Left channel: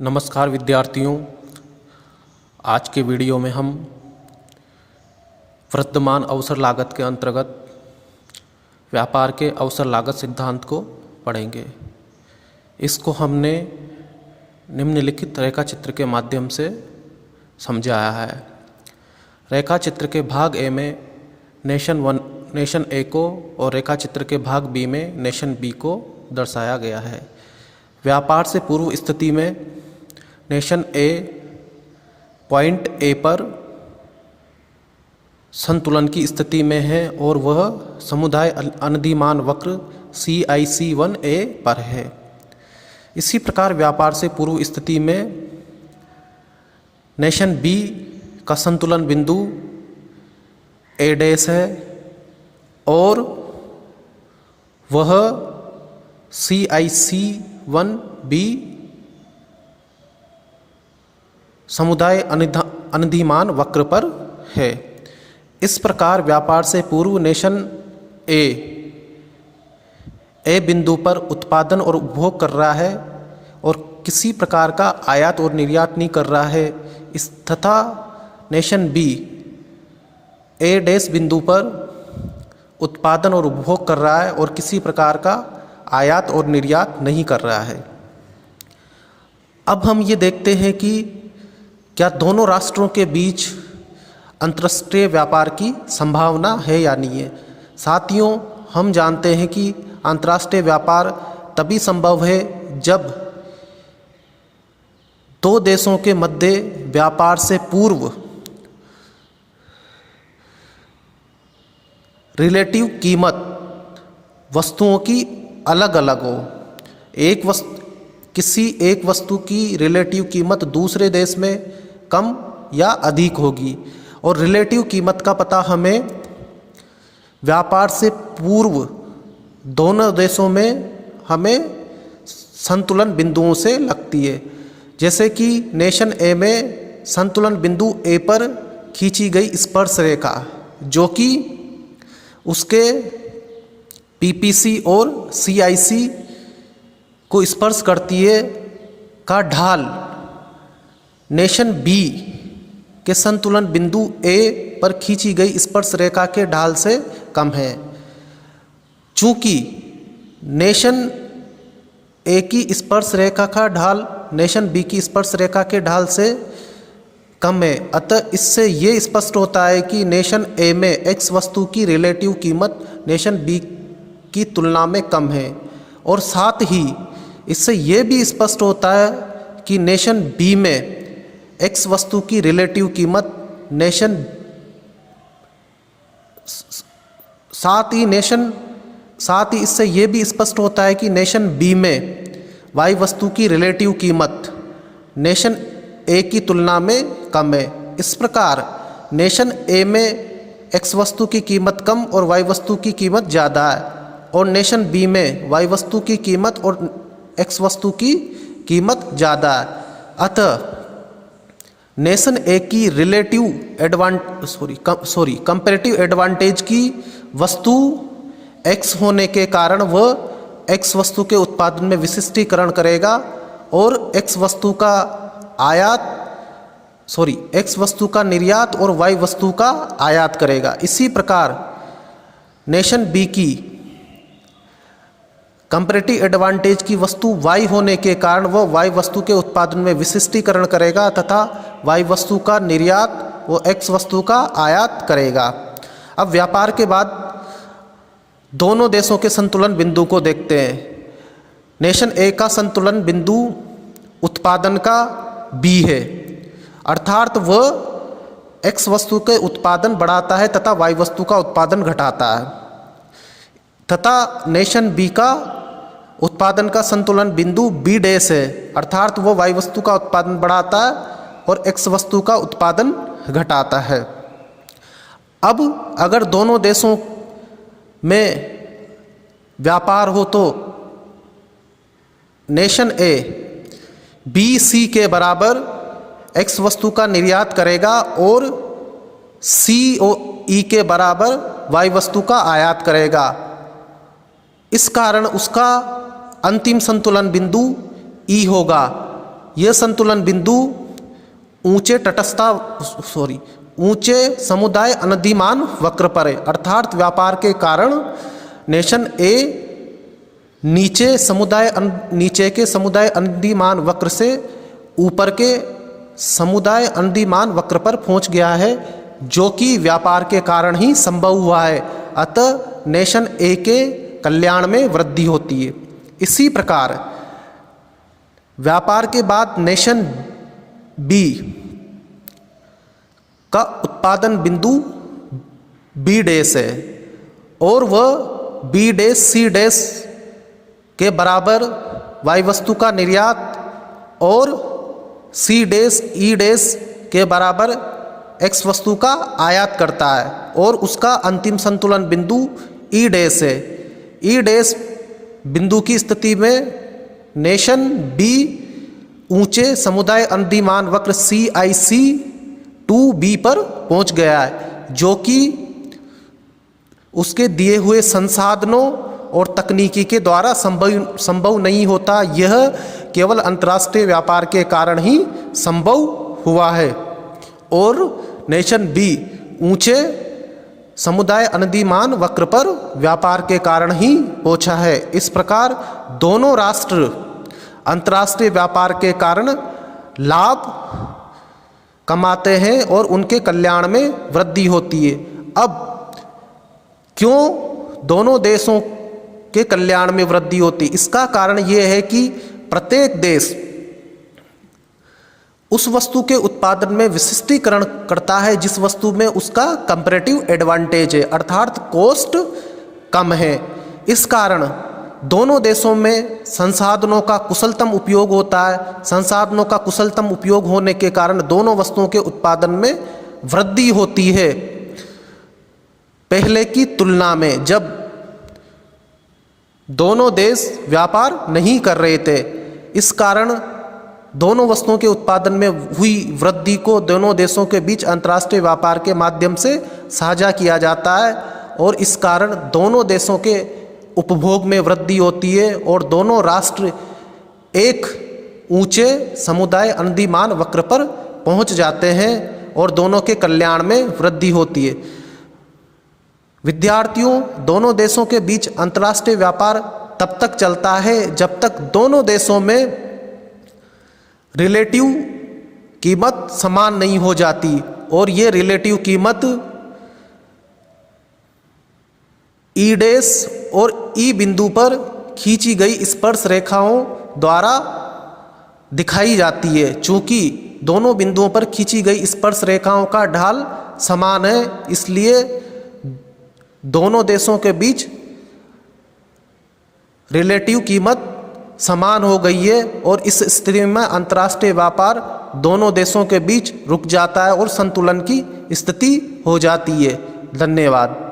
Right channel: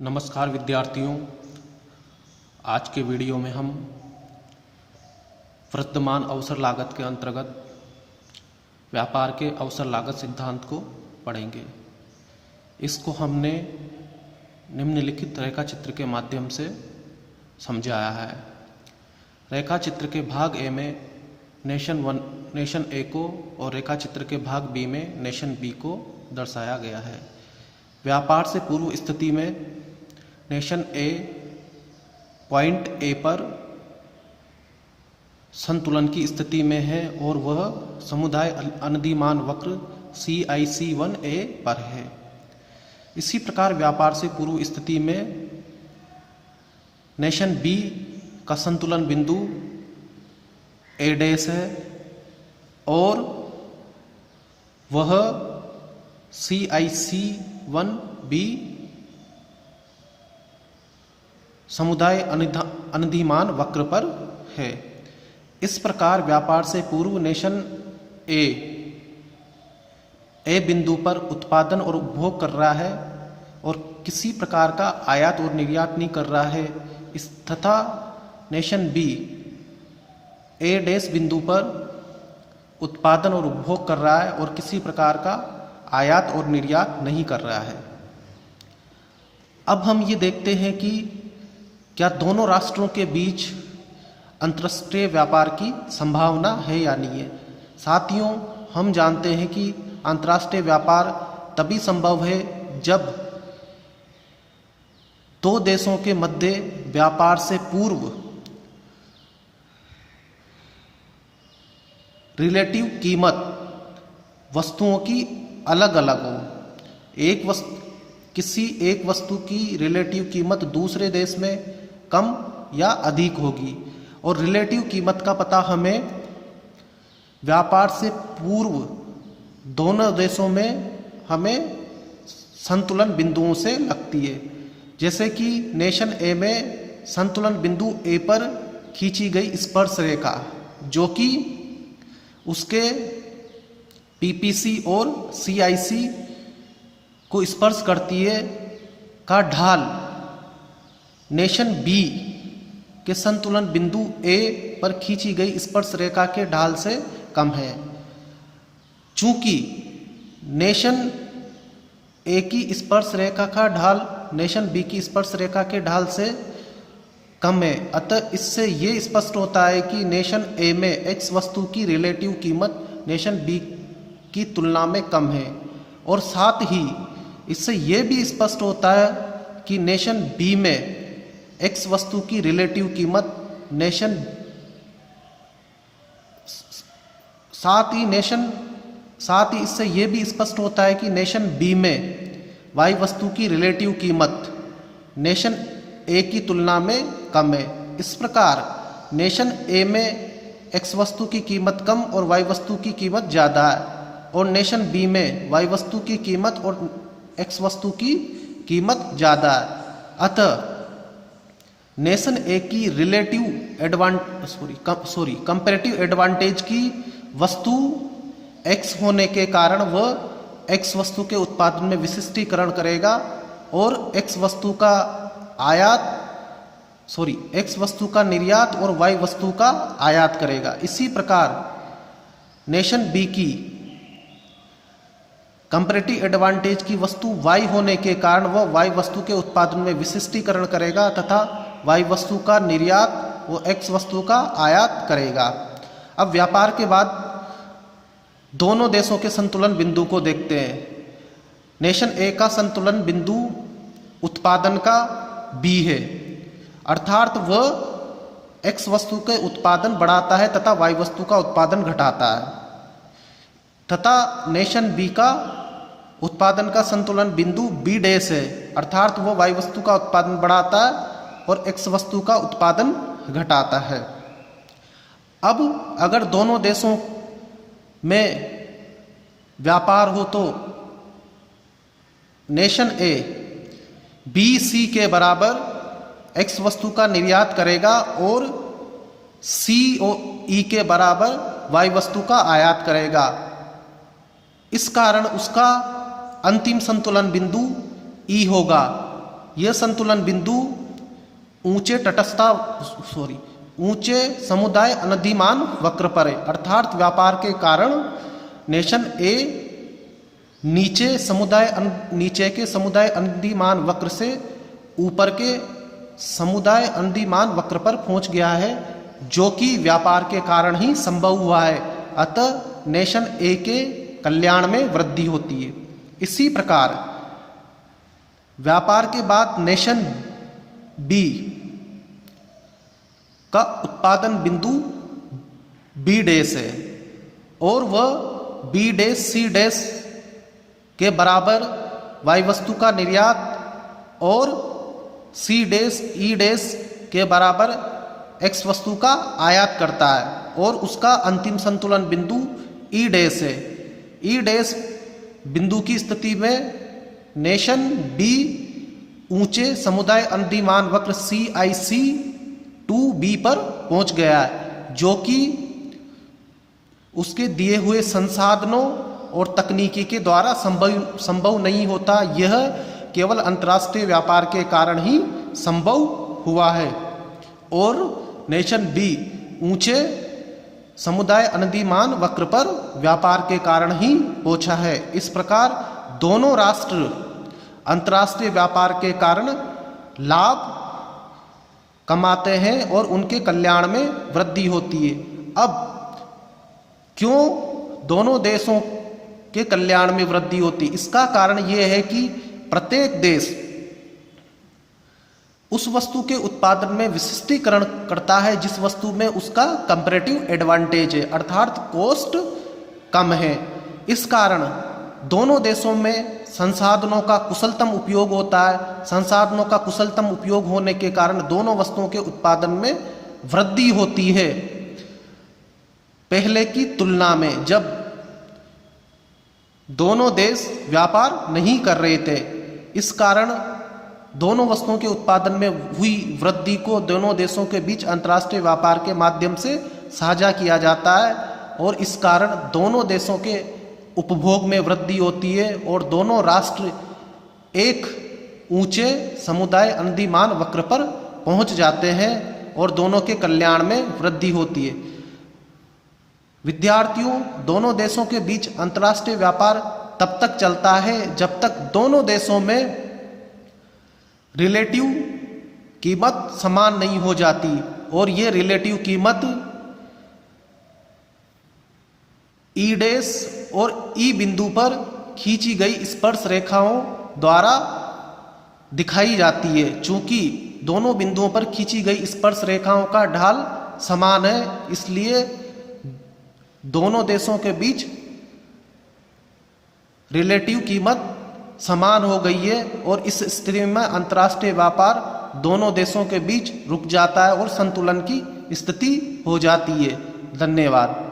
नमस्कार विद्यार्थियों, आज के वीडियो में हम वर्तमान अवसर लागत के अंतर्गत व्यापार के अवसर लागत सिद्धांत को पढ़ेंगे। इसको हमने निम्नलिखित रेखा चित्र के माध्यम से समझाया है। रेखा चित्र के भाग ए में नेशन ए को और रेखा चित्र के भाग बी में नेशन बी को दर्शाया गया है। व्यापार से पूर्व स्थिति में नेशन ए पॉइंट ए पर संतुलन की स्थिति में है और वह समुदाय अनधिमान वक्र CIC1A पर है। इसी प्रकार व्यापार से पूर्व स्थिति में नेशन बी का संतुलन बिंदु A डैश है और वह CIC1B समुदाय अनधिमान वक्र पर है। इस प्रकार व्यापार से पूर्व नेशन ए बिंदु पर उत्पादन और उपभोग कर रहा है और किसी प्रकार का आयात और निर्यात नहीं कर रहा है। इस तथा नेशन बी ए डैश बिंदु पर उत्पादन और उपभोग कर रहा है और किसी प्रकार का आयात और निर्यात नहीं कर रहा है। अब हम ये देखते हैं कि क्या दोनों राष्ट्रों के बीच अंतर्राष्ट्रीय व्यापार की संभावना है या नहीं है। साथियों, हम जानते हैं कि अंतर्राष्ट्रीय व्यापार तभी संभव है जब दो देशों के मध्य व्यापार से पूर्व रिलेटिव कीमत वस्तुओं की अलग अलग हो। किसी एक वस्तु की रिलेटिव कीमत दूसरे देश में कम या अधिक होगी और रिलेटिव कीमत का पता हमें व्यापार से पूर्व दोनों देशों में हमें संतुलन बिंदुओं से लगती है। जैसे कि नेशन ए में संतुलन बिंदु ए पर खींची गई स्पर्श रेखा जो कि उसके PPC और CIC को स्पर्श करती है का ढाल नेशन बी के संतुलन बिंदु ए पर खींची गई स्पर्श रेखा के ढाल से कम है। चूंकि नेशन ए की स्पर्श रेखा का ढाल नेशन बी की स्पर्श रेखा के ढाल से कम है, अतः इससे ये स्पष्ट होता है कि नेशन ए में X वस्तु की रिलेटिव कीमत नेशन बी की तुलना में कम है। और साथ ही इससे ये भी स्पष्ट होता है कि नेशन बी में X वस्तु की रिलेटिव कीमत साथ ही इससे ये भी स्पष्ट होता है कि नेशन बी में Y वस्तु की रिलेटिव कीमत नेशन ए की तुलना में कम है। इस प्रकार नेशन ए में X वस्तु की कीमत कम और Y वस्तु की कीमत ज़्यादा है और नेशन बी में Y वस्तु की कीमत और X वस्तु की कीमत ज़्यादा है। अतः नेशन ए की कंपैरेटिव एडवांटेज की वस्तु X होने के कारण वह X वस्तु के उत्पादन में विशिष्टीकरण करेगा और X वस्तु का निर्यात और Y वस्तु का आयात करेगा। इसी प्रकार नेशन बी की कंपैरेटिव एडवांटेज की वस्तु Y होने के कारण वह Y वस्तु के उत्पादन में विशिष्टीकरण करेगा तथा Y वस्तु का निर्यात वो X वस्तु का आयात करेगा। अब व्यापार के बाद दोनों देशों के संतुलन बिंदु को देखते हैं। नेशन ए का संतुलन बिंदु उत्पादन का B है, अर्थात वह X वस्तु के उत्पादन बढ़ाता है तथा Y वस्तु का उत्पादन घटाता है। तथा नेशन बी का उत्पादन का संतुलन बिंदु B डैश है, अर्थात वह Y वस्तु का उत्पादन बढ़ाता है और X वस्तु का उत्पादन घटाता है। अब अगर दोनों देशों में व्यापार हो तो नेशन ए BC के बराबर X वस्तु का निर्यात करेगा और COE के बराबर Y वस्तु का आयात करेगा। इस कारण उसका अंतिम संतुलन बिंदु E होगा यह संतुलन बिंदु ऊंचे समुदाय अनधिमान वक्र पर है, अर्थात व्यापार के कारण नेशन ए नीचे के समुदाय अनधिमान वक्र से ऊपर के समुदाय अनधिमान वक्र पर पहुंच गया है, जो कि व्यापार के कारण ही संभव हुआ है। अतः नेशन ए के कल्याण में वृद्धि होती है। इसी प्रकार व्यापार के बाद नेशन बी का उत्पादन बिंदु बी डैश है और वह बी डैश सी डैश के बराबर वाई वस्तु का निर्यात और सी डैश ई डैश के बराबर एक्स वस्तु का आयात करता है और उसका अंतिम संतुलन बिंदु ई डैश है। ई डैश बिंदु की स्थिति में नेशन बी ऊंचे समुदाय अनधिमान वक्र CIC 2B पर पहुंच गया है, जो कि उसके दिए हुए संसाधनों और तकनीकी के द्वारा संभव नहीं होता। यह केवल अंतर्राष्ट्रीय व्यापार के कारण ही संभव हुआ है और नेशन बी ऊंचे समुदाय अनधिमान वक्र पर व्यापार के कारण ही पहुंचा है। इस प्रकार दोनों राष्ट्र अंतर्राष्ट्रीय व्यापार के कारण लाभ कमाते हैं और उनके कल्याण में वृद्धि होती है। अब क्यों दोनों देशों के कल्याण में वृद्धि होती? इसका कारण यह है कि प्रत्येक देश उस वस्तु के उत्पादन में विशिष्टीकरण करता है जिस वस्तु में उसका कंपैरेटिव एडवांटेज है, अर्थात कॉस्ट कम है। इस कारण दोनों देशों में संसाधनों का कुशलतम उपयोग होता है। संसाधनों का कुशलतम उपयोग होने के कारण दोनों वस्तुओं के उत्पादन में वृद्धि होती है पहले की तुलना में, जब दोनों देश व्यापार नहीं कर रहे थे। इस कारण दोनों वस्तुओं के उत्पादन में हुई वृद्धि को दोनों देशों के बीच अंतर्राष्ट्रीय व्यापार के माध्यम से साझा किया जाता है और इस कारण दोनों देशों के उपभोग में वृद्धि होती है और दोनों राष्ट्र एक ऊंचे समुदाय अनधिमान वक्र पर पहुंच जाते हैं और दोनों के कल्याण में वृद्धि होती है। विद्यार्थियों, दोनों देशों के बीच अंतर्राष्ट्रीय व्यापार तब तक चलता है जब तक दोनों देशों में रिलेटिव कीमत समान नहीं हो जाती और ये रिलेटिव कीमत ई डैश और ई बिंदु पर खींची गई स्पर्श रेखाओं द्वारा दिखाई जाती है। चूंकि दोनों बिंदुओं पर खींची गई स्पर्श रेखाओं का ढाल समान है, इसलिए दोनों देशों के बीच रिलेटिव कीमत समान हो गई है और इस स्थिति में अंतर्राष्ट्रीय व्यापार दोनों देशों के बीच रुक जाता है और संतुलन की स्थिति हो जाती है। धन्यवाद।